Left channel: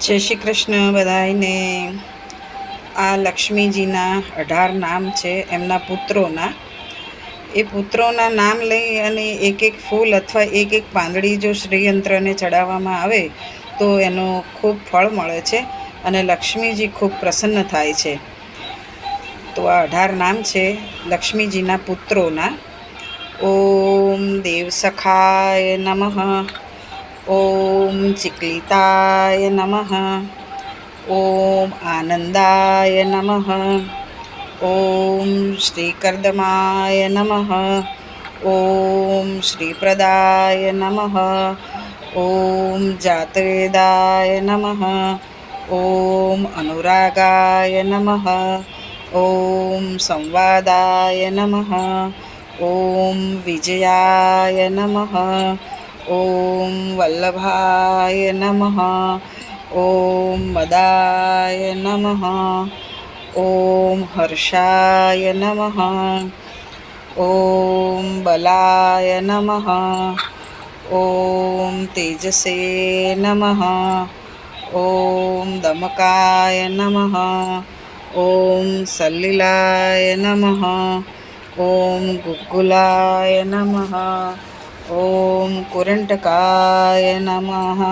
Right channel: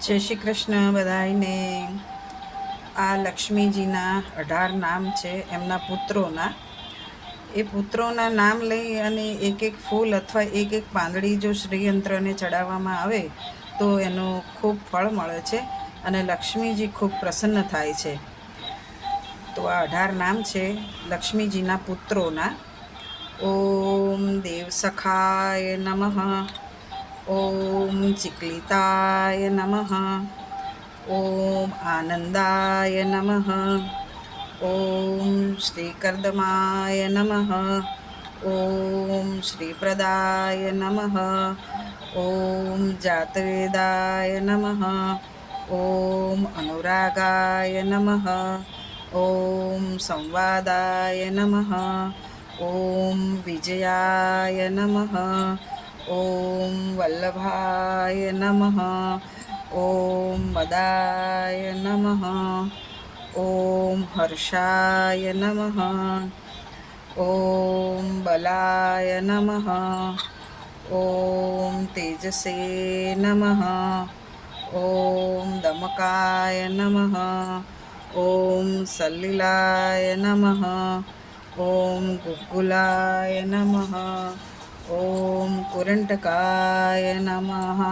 જય શ્રી કૃષ્ણ બધાને આ લક્ષ્મીજીના અઢાર નામ છે, એમના પુત્રોના. એ પુત્રોના નામ લઈ અને એક એક ફૂલ અથવા એક એક પાંદડી જો શ્રીયંત્રને ચડાવવામાં આવે, તો એનો ખૂબ ફળ મળે છે અને લક્ષ્મીજી ખૂબ પ્રસન્ન થાય છે. તો આ અઢાર નામ છે લક્ષ્મીજીના પુત્રોના. ઓમ દેવ સખાય નમઃ. ઓમ ચિકલિતાય નમઃ ઓમ આનંદાય નમઃ ઓમ શ્રીકર્દમાય નમઃ ઓમ શ્રીપ્રદાય નમઃ ઓમ જાતવેદાય નમઃ ઓમ અનુરાગાય નમઃ ઓમ સંવાદાય નમઃ ઓમ વિજયાય નમઃ ઓમ વલ્લભાય નમઃ ઓમ મદાય નમઃ ઓમ હર્ષાય નમઃ ઓમ બલાય નમઃ ઓમ તેજસે નમઃ ઓમ દમકાય નમઃ ઓમ સલ્લીલાય નમઃ ઓમ ગુગ્ગુલાય નમઃ ઓમ કુરંટકાય નમઃ